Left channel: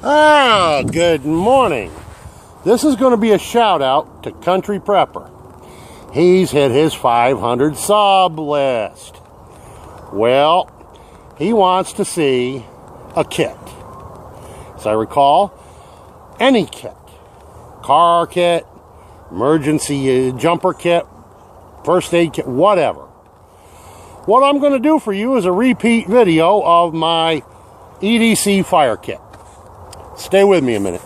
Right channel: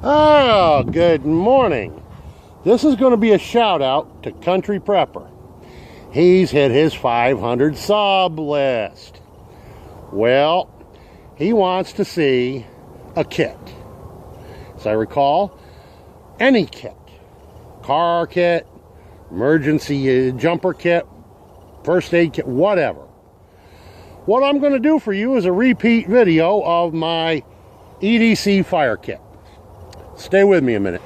Oh, good morning. This is going to be a shout out to Country Prepper. He's hit his 500 sub list. Well, he wants to see a kit. As I recall, any kit. Car kit, emergency jumper kit, first aid kit, whatever. What I'm going to do for you is a repeat video of my EDC fire kit. Stay with me a minute.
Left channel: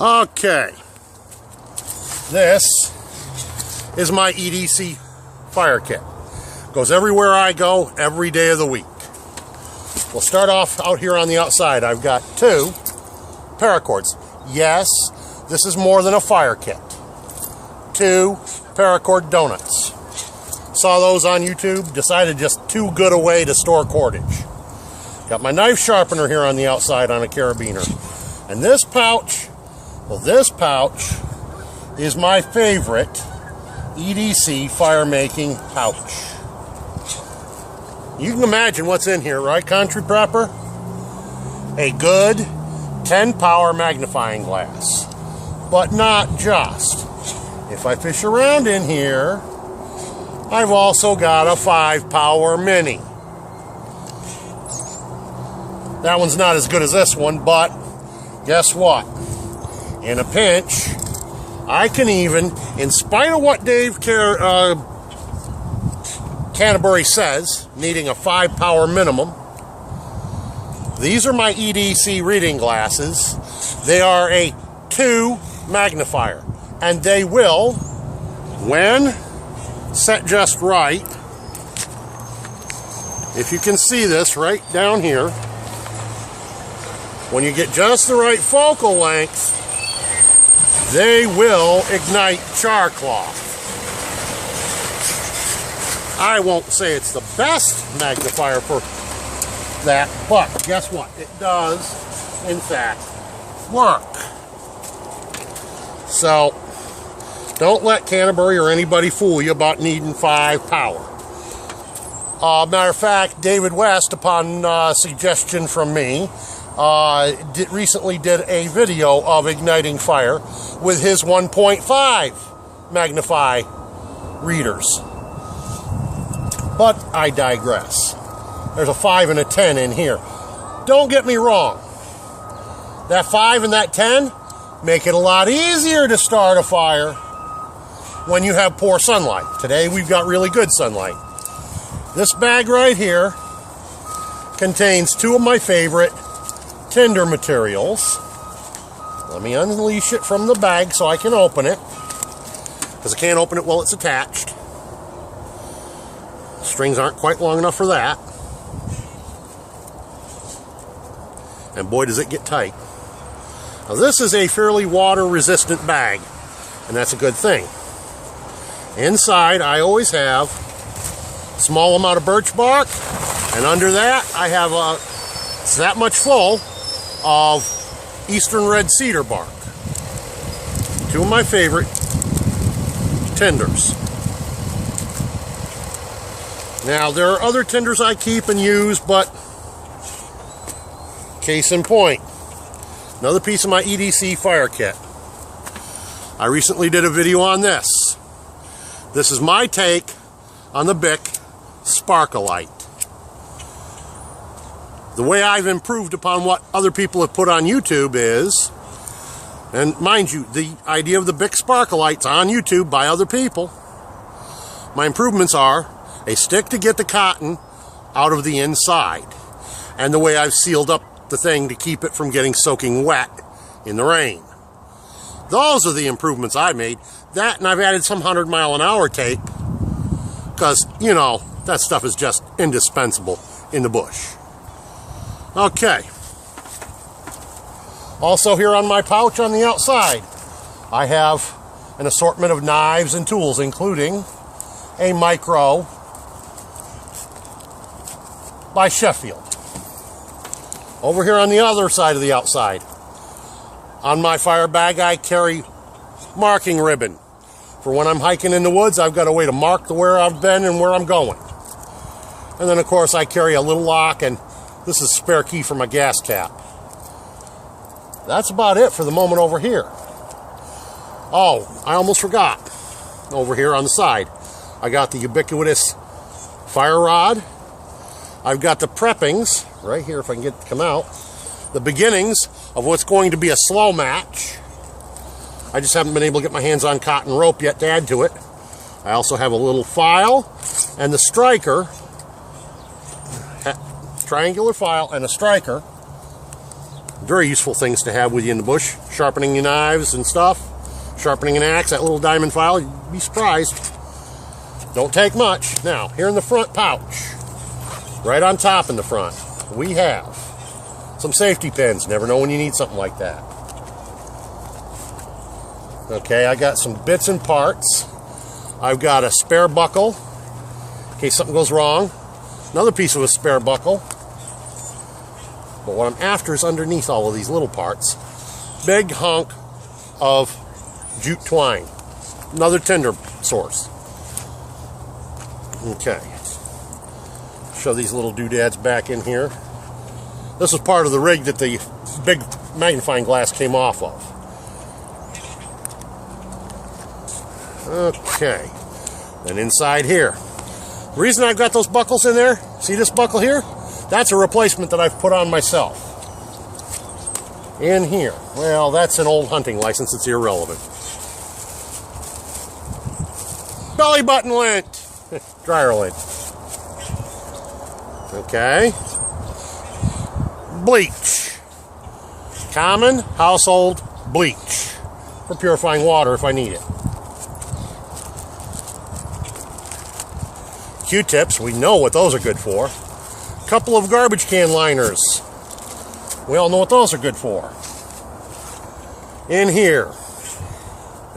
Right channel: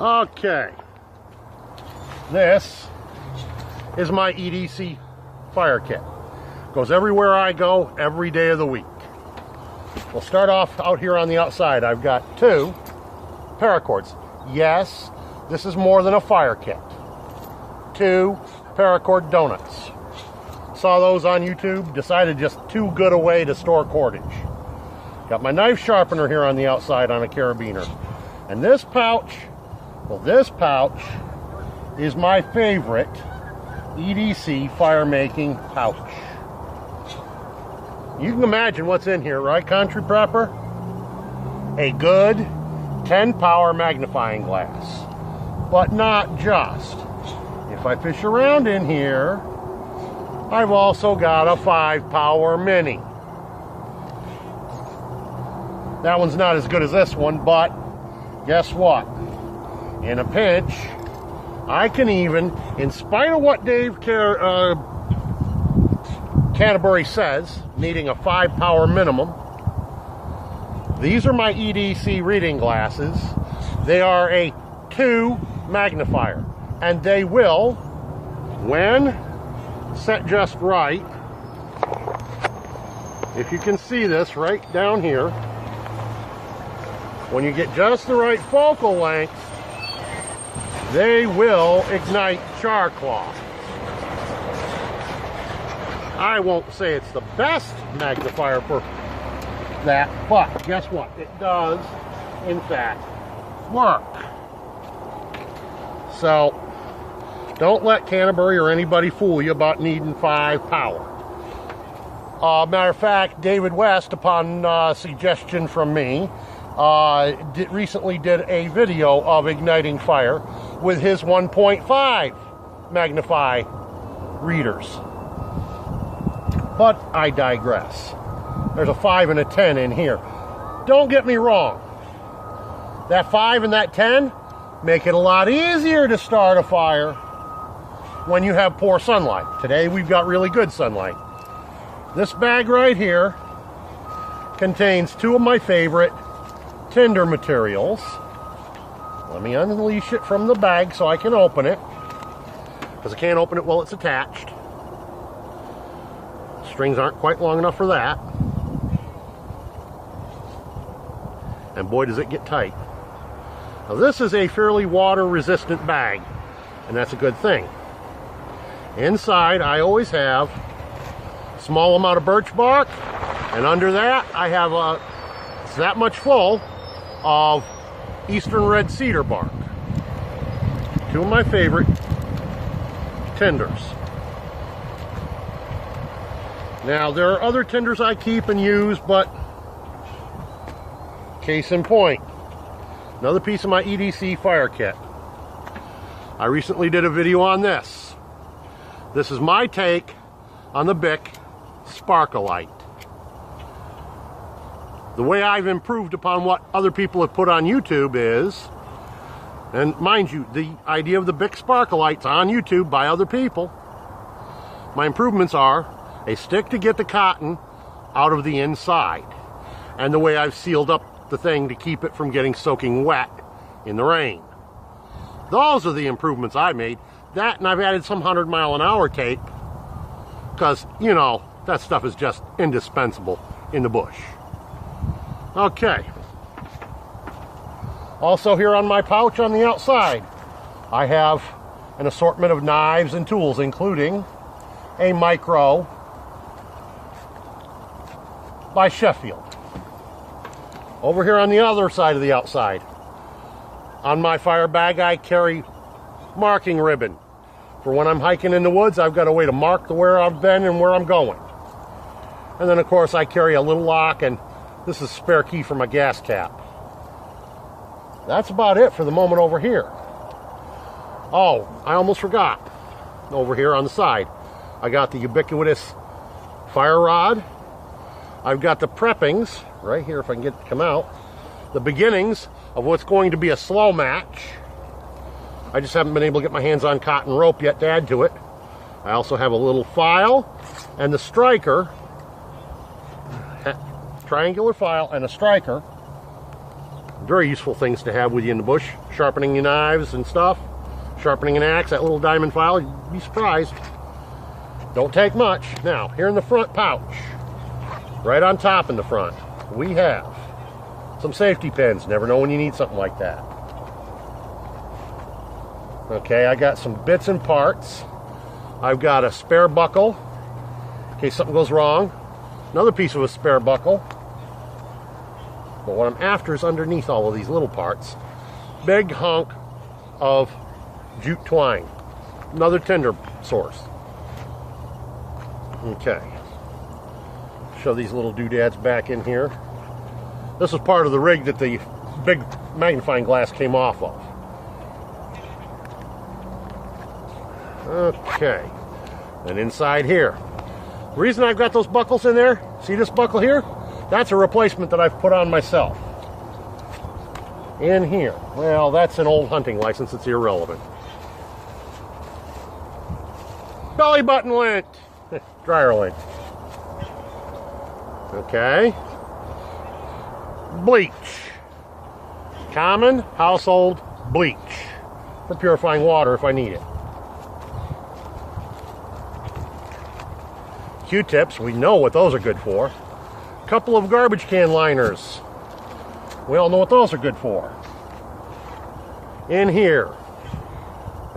Okay. This is my EDC fire kit. Goes everywhere I go, every day of the week. We'll start off out here on the outside. I've got 2 paracords. Yes, this is more than a fire kit. 2 paracord donuts. Saw those on YouTube, decided just too good a way to store cordage. Got my knife sharpener here on the outside on a carabiner. And this pouch, well, this pouch is my favorite EDC fire making pouch. You can imagine what's in here, right, Country Prepper? A good 10 power magnifying glass. But not just. If I fish around in here, I've also got a 5 power mini. That one's not as good as this one, but guess what? In a pinch, I can even, in spite of what Dave Canterbury says, needing a 5 power minimum, these are my EDC reading glasses. They are a 2 magnifier, and they will, when set just right, if you can see this right down here, when you get just the right focal length, they will ignite char cloth. I won't say it's the best magnifier for that, but guess what? It does, in fact, work. So, don't let Canterbury or anybody fool you about needing 5 power. Matter of fact, David West, upon suggestion from me, recently did a video of igniting fire with his 1.5 magnify readers. But I digress. There's a 5 and a 10 in here. Don't get me wrong. That 5 and that 10 make it a lot easier to start a fire when you have poor sunlight. Today we've got really good sunlight. This bag right here contains 2 of my favorite tinder materials. Let me unleash it from the bag so I can open it, because I can't open it while it's attached. Strings aren't quite long enough for that. And boy, does it get tight. Now this is a fairly water resistant bag, and that's a good thing. Inside I always have a small amount of birch bark, and under that I have it's that much full of eastern red cedar bark. 2 of my favorite tinders. Now there are other tinders I keep and use, but case in point, another piece of my EDC fire kit. I recently did a video on this. This is my take on the Bic Sparkalite. The way I've improved upon what other people have put on YouTube is, and mind you, the idea of the Bic Sparkalite's on YouTube by other people. My improvements are a stick to get the cotton out of the inside, and the way I've sealed up the thing to keep it from getting soaking wet in the rain. Those are the improvements I made. That, and I've added some 100-mile-an-hour tape, because, you know, that stuff is just indispensable in the bush. Okay. Also here on my pouch on the outside, I have an assortment of knives and tools, including a micro by Sheffield. Over here on the other side of the outside, on my fire bag, I carry marking ribbon. For when I'm hiking in the woods, I've got a way to mark where I've been and where I'm going. And then, of course, I carry a little lock and This is a spare key for my gas cap. That's about it for the moment over here. Oh, I almost forgot. Over here on the side, I got the ubiquitous fire rod. I've got the preppings right here, if I can get it to come out. The beginnings of what's going to be a slow match. I just haven't been able to get my hands on cotton rope yet to add to it. I also have a little file and the striker. Triangular file and a striker. Very useful things to have with you in the bush. Sharpening your knives and stuff. Sharpening an axe, that little diamond file. You'd be surprised. Don't take much. Now, here in the front pouch, right on top in the front, we have some safety pins. Never know when you need something like that. Okay, I got some bits and parts. I've got a spare buckle in case something goes wrong. Another piece of a spare buckle. But what I'm after is underneath all of these little parts. Big hunk of jute twine. Another tinder source. Okay. Show these little doodads back in here. This is part of the rig that the big magnifying glass came off of. Okay. And inside here. The reason I've got those buckles in there, see this buckle here? That's a replacement that I've put on myself. In here. Well, that's an old hunting license. It's irrelevant. Belly button lint. Dryer lint. Okay. Bleach. Common household bleach. For purifying water if I need it. Q-tips, we know what those are good for. A couple of garbage can liners. We all know what those are good for. In here.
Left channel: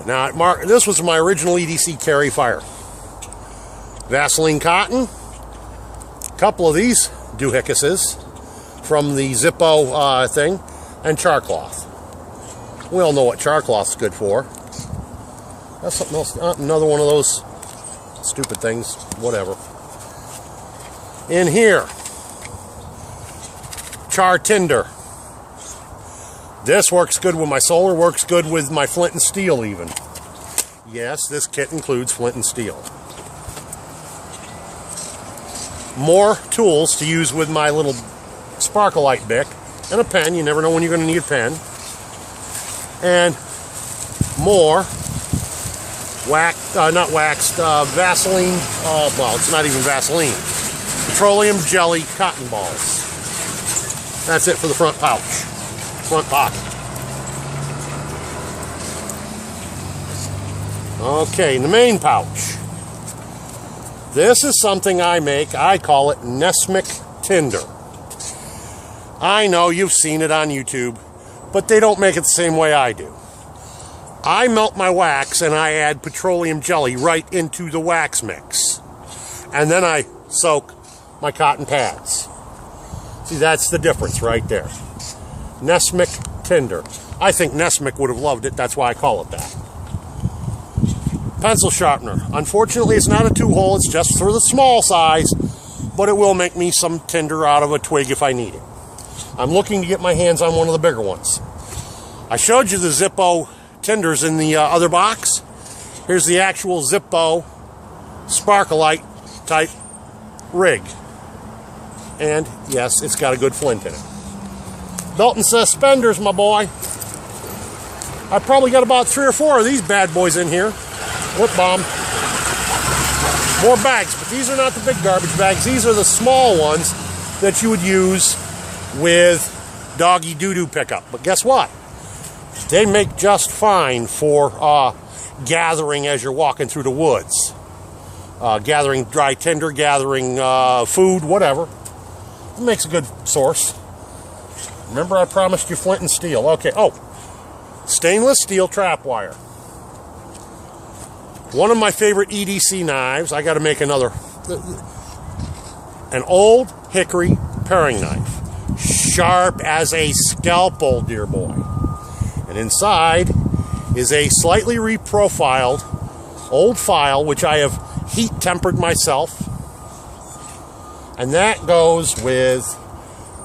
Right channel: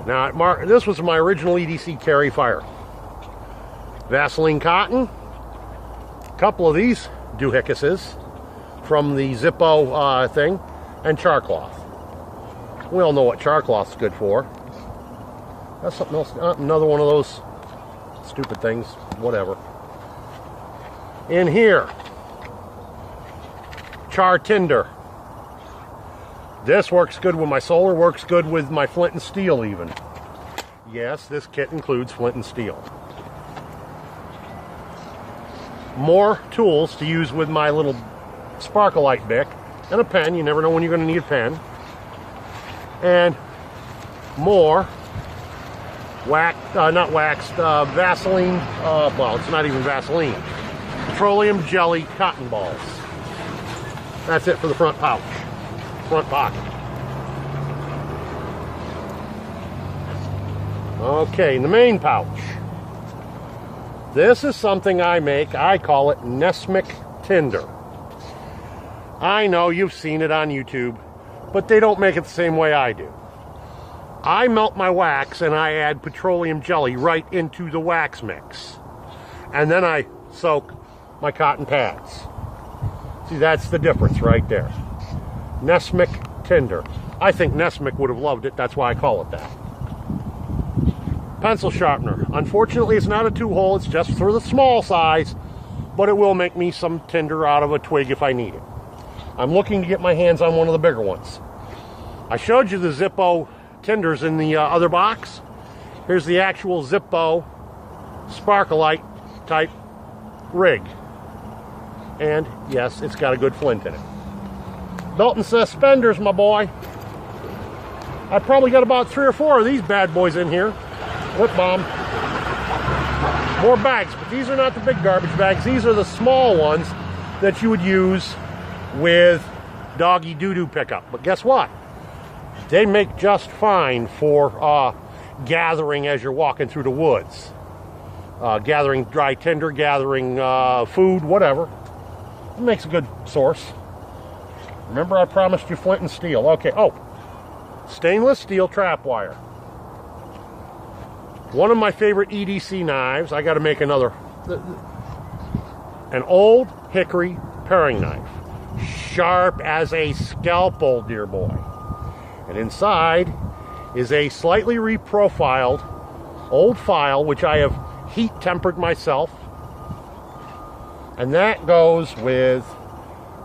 Now, this was my original EDC carry fire. Vaseline cotton. A couple of these doohiccuses from the Zippo thing. And char cloth. We all know what char cloth's good for. That's something else. Another one of those stupid things. Whatever. In here. Char tinder. This works good with my solar, works good with my flint and steel even. Yes, this kit includes flint and steel. More tools to use with my little Sparkleite bic. And a pen, you never know when you're going to need a pen. And more Vaseline, well, it's not even Vaseline. Petroleum jelly cotton balls. That's it for the front pouch. Front pocket. Okay, in the main pouch. This is something I make. I call it Nesmic Tinder. I know you've seen it on YouTube, but they don't make it the same way I do. I melt my wax and I add petroleum jelly right into the wax mix. And then I soak my cotton pads. See, that's the difference right there. Nesmic Tinder. I think Nesmic would have loved it. That's why I call it that. Pencil sharpener. Unfortunately, it's not a 2-hole. It's just for the small size. But it will make me some tinder out of a twig if I need it. I'm looking to get my hands on one of the bigger ones. I showed you the Zippo tinders in the other box. Here's the actual Zippo Sparkleite type rig. And yes, it's got a good flint in it. Belt and suspenders, my boy. I've probably got about 3 or 4 of these bad boys in here. Whip bomb. More bags, but these are not the big garbage bags. These are the small ones that you would use with doggy doo-doo pickup. But guess what? They make just fine for gathering as you're walking through the woods. Gathering dry tinder, gathering food, whatever. It makes a good source. Remember I promised you flint and steel. Okay, stainless steel trap wire. One of my favorite EDC knives. I got to make another. An old hickory paring knife. Sharp as a scalpel, dear boy. And inside is a slightly reprofiled old file, which I have heat tempered myself. And that goes with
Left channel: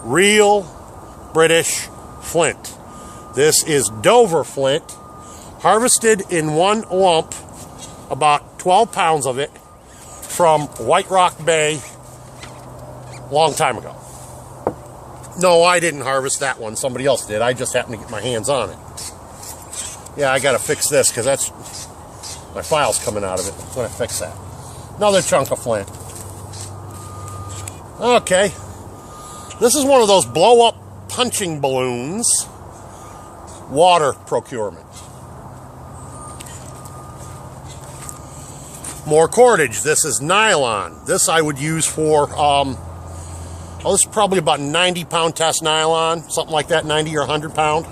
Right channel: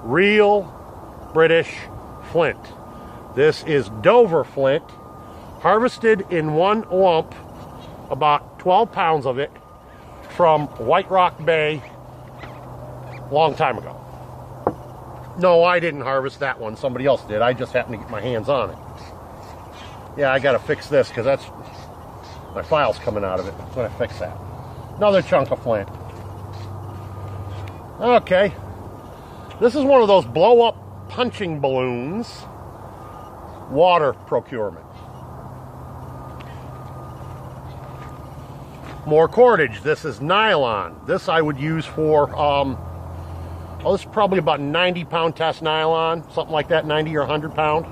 real British flint. This is Dover flint, harvested in one lump, about 12 pounds of it, from White Rock Bay, long time ago. No, I didn't harvest that one. Somebody else did. I just happened to get my hands on it. Yeah, I got to fix this because that's my file's coming out of it. I'm going to fix that. Another chunk of flint. Okay. This is one of those blow-up punching balloons. Water procurement. More cordage. This is nylon. This I would use for, this is probably about 90-pound test nylon, something like that, 90 or 100 pound.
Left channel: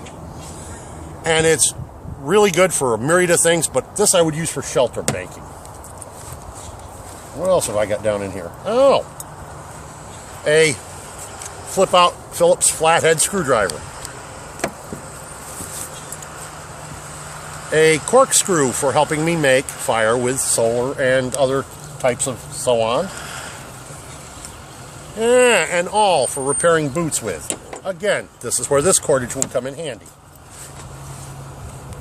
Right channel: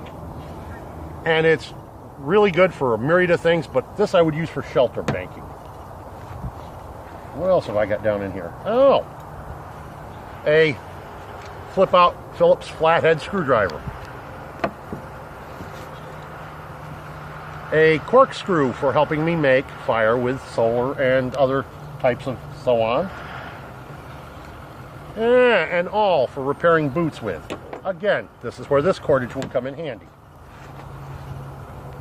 And it's really good for a myriad of things, but this I would use for shelter banking. What else have I got down in here? Oh, a flip-out Phillips flathead screwdriver. A corkscrew for helping me make fire with solar and other types of so on. And all for repairing boots with. Again, this is where this cordage will come in handy.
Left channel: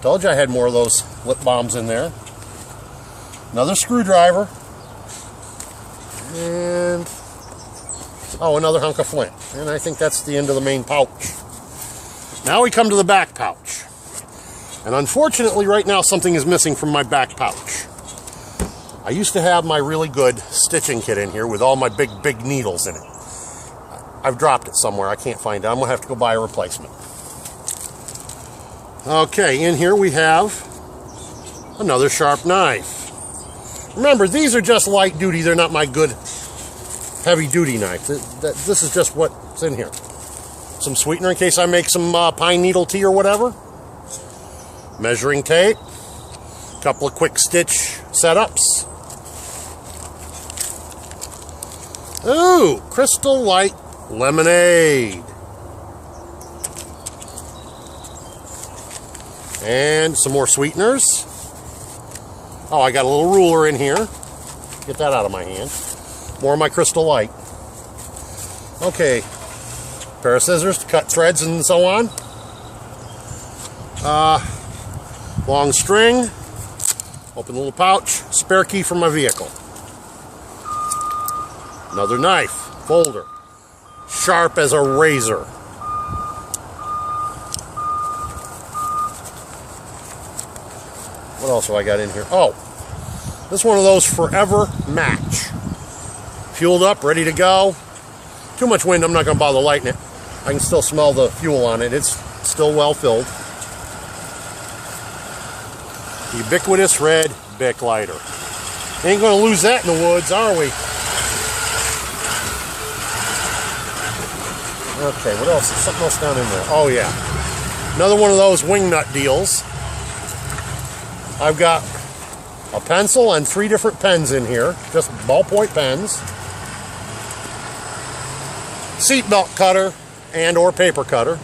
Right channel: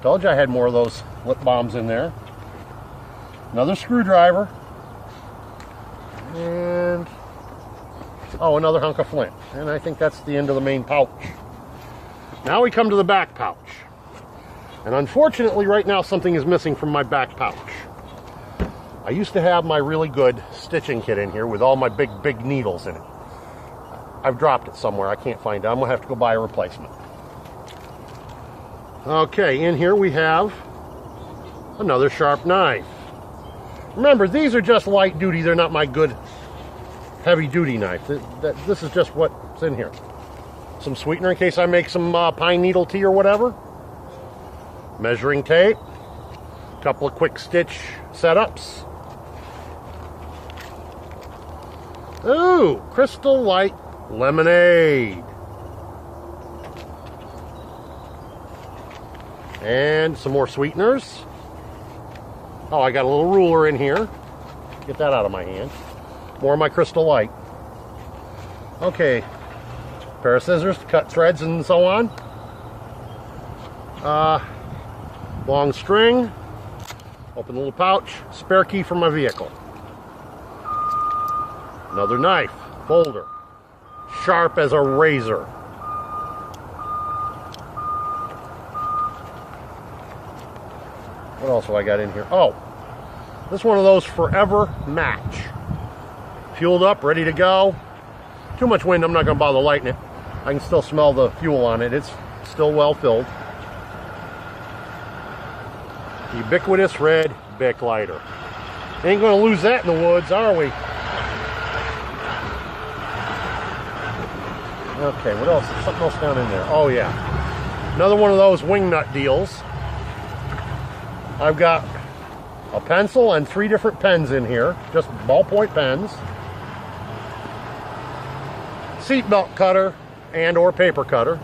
Told you I had more of those lip balms in there. Another screwdriver. And, oh, another hunk of flint. And I think that's the end of the main pouch. Now we come to the back pouch. And unfortunately, right now, something is missing from my back pouch. I used to have my really good stitching kit in here with all my big needles in it. I've dropped it somewhere. I can't find it. I'm going to have to go buy a replacement. Okay, in here we have another sharp knife. Remember, these are just light duty. They're not my good heavy duty knife. This is just what's in here. Some sweetener in case I make some pine needle tea or whatever. Measuring tape. A couple of quick stitch setups. Ooh, Crystal Light lemonade. And some more sweeteners. Oh, I got a little ruler in here. Get that out of my hand. More of my Crystal Light. Okay. Pair of scissors to cut threads and so on. Long string. Open the little pouch. Spare key for my vehicle. Another knife. Folder. Sharp as a razor. What else have I got in here? Oh, this is one of those forever match. Fueled up, ready to go. Too much wind, I'm not going to bother lighting it. I can still smell the fuel on it. It's still well filled. Ubiquitous red Bic lighter. Ain't going to lose that in the woods, are we? Okay, what else? There's something else down in there. Oh, yeah. Another one of those wing nut deals. I've got a pencil and 3 different pens in here. Just ballpoint pens. Seatbelt cutter and or paper cutter.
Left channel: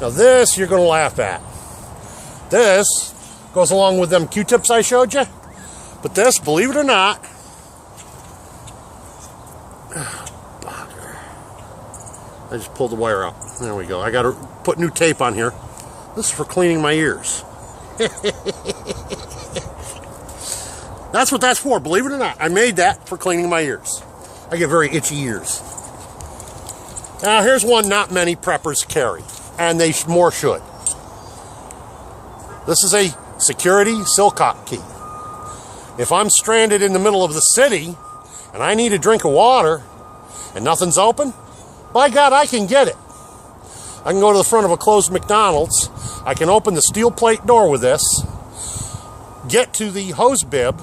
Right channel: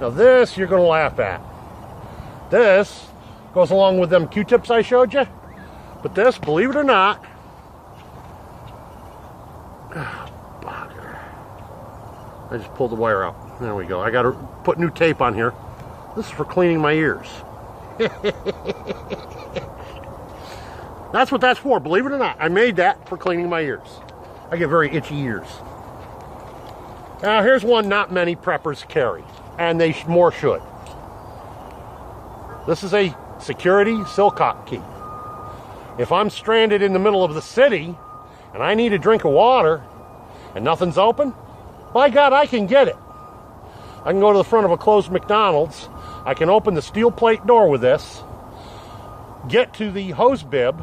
Now this you're going to laugh at. This goes along with them Q-tips I showed you. But this, believe it or not, I just pulled the wire out. There we go. I got to put new tape on here. This is for cleaning my ears. That's what that's for, believe it or not. I made that for cleaning my ears. I get very itchy ears. Now here's one not many preppers carry, and they more should. This is a security Silcock key. If I'm stranded in the middle of the city and I need a drink of water and nothing's open, by God, I can get it. I can go to the front of a closed McDonald's. I can open the steel plate door with this, get to the hose bib,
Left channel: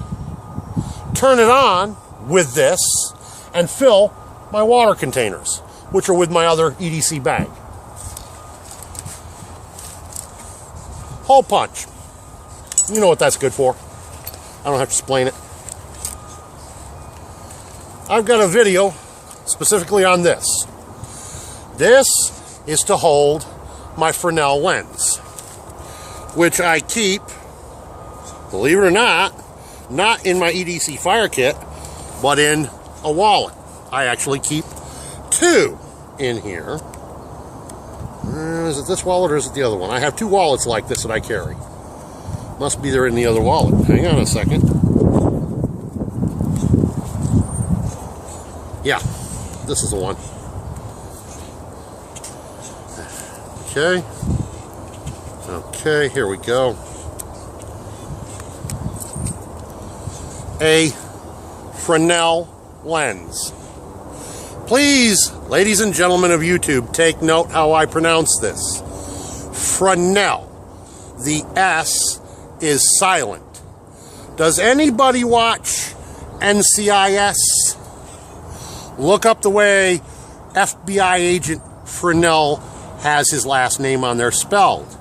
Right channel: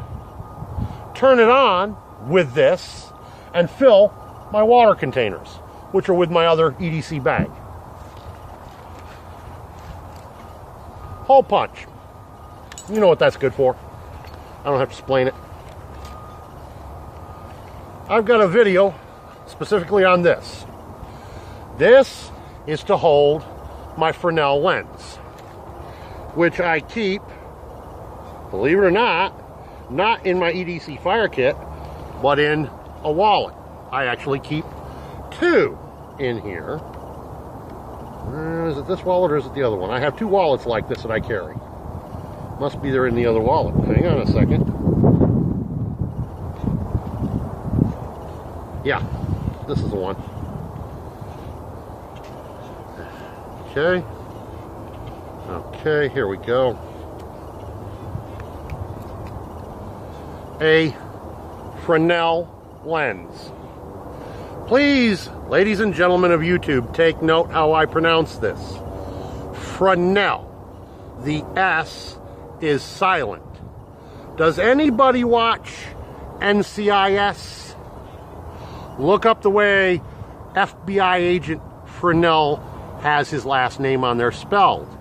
turn it on with this, and fill my water containers, which are with my other EDC bag. Hole punch. You know what that's good for. I don't have to explain it. I've got a video specifically on this. This is to hold my Fresnel lens, which I keep, believe it or not in my EDC fire kit, but in a wallet. I actually keep 2 in here. Is it this wallet or is it the other one? I have 2 wallets like this that I carry. Must be there in the other wallet. Hang on a second. Yeah, this is the one. Okay. Okay, here we go. A Fresnel lens. Please, ladies and gentlemen of YouTube, take note how I pronounce this. Fresnel. The S is silent. Does anybody watch NCIS? Look up the way FBI agent Fresnel has his last name on there spelled.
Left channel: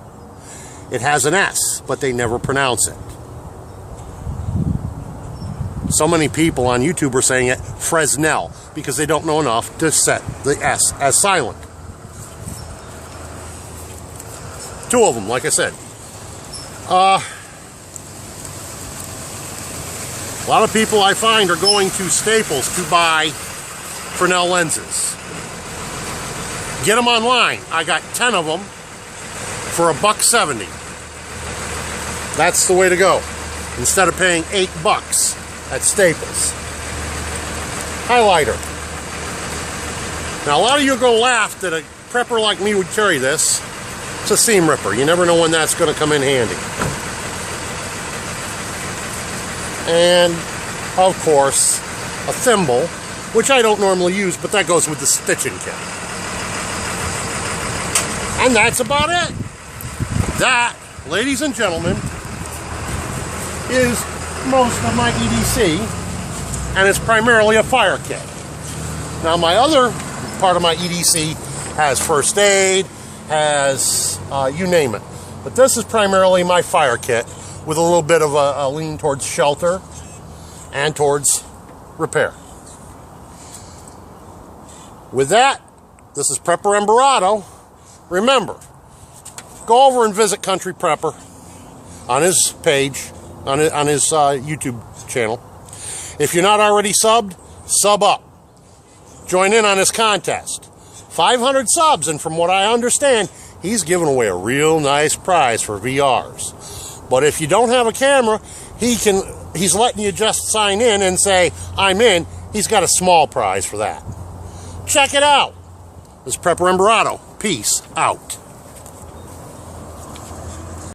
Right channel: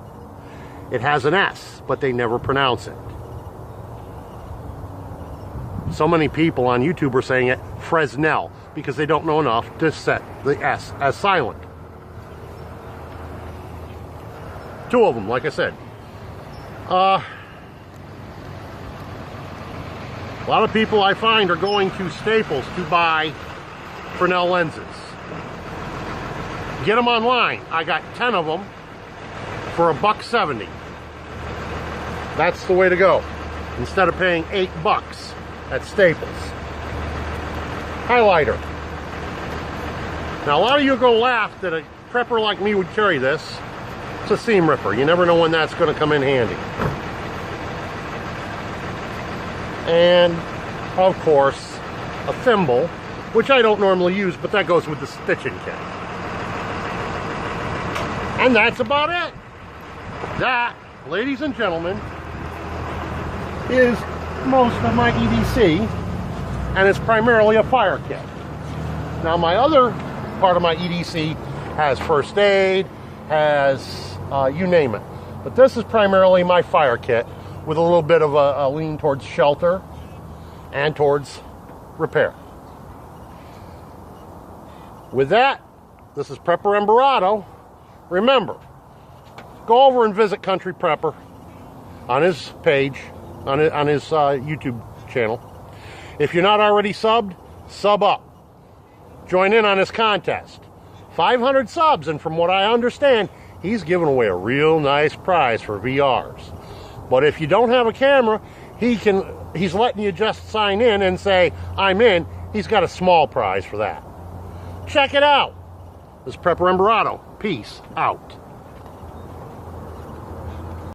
It has an S, but they never pronounce it. So many people on YouTube are saying it Fresnel because they don't know enough to set the S as silent. 2 of them, like I said. A lot of people I find are going to Staples to buy Fresnel lenses. Get them online. I got 10 of them for $1.70. That's the way to go. Instead of paying $8 at Staples. Highlighter. Now a lot of you are going to laugh that a prepper like me would carry this. It's a seam ripper. You never know when that's going to come in handy. And, of course, a thimble, which I don't normally use, but that goes with the stitching kit. And that's about it. That, ladies and gentlemen, is most of my EDC, and it's primarily a fire kit. Now, my other part of my EDC has first aid, has you name it. But this is primarily my fire kit with a little bit of a lean towards shelter and towards repair. With that, this is Prepper Embarado. Remember, go over and visit Country Prepper on his page, on his YouTube channel. If you're not already subbed, sub up. Join in on his contest. 500 subs, and from what I understand, he's giving away a real nice prize for VRs. But if you don't have a camera, he's letting you just sign in and say, I'm in. He's got a small prize for that. Check it out. This is Prepper Embarado. Peace out.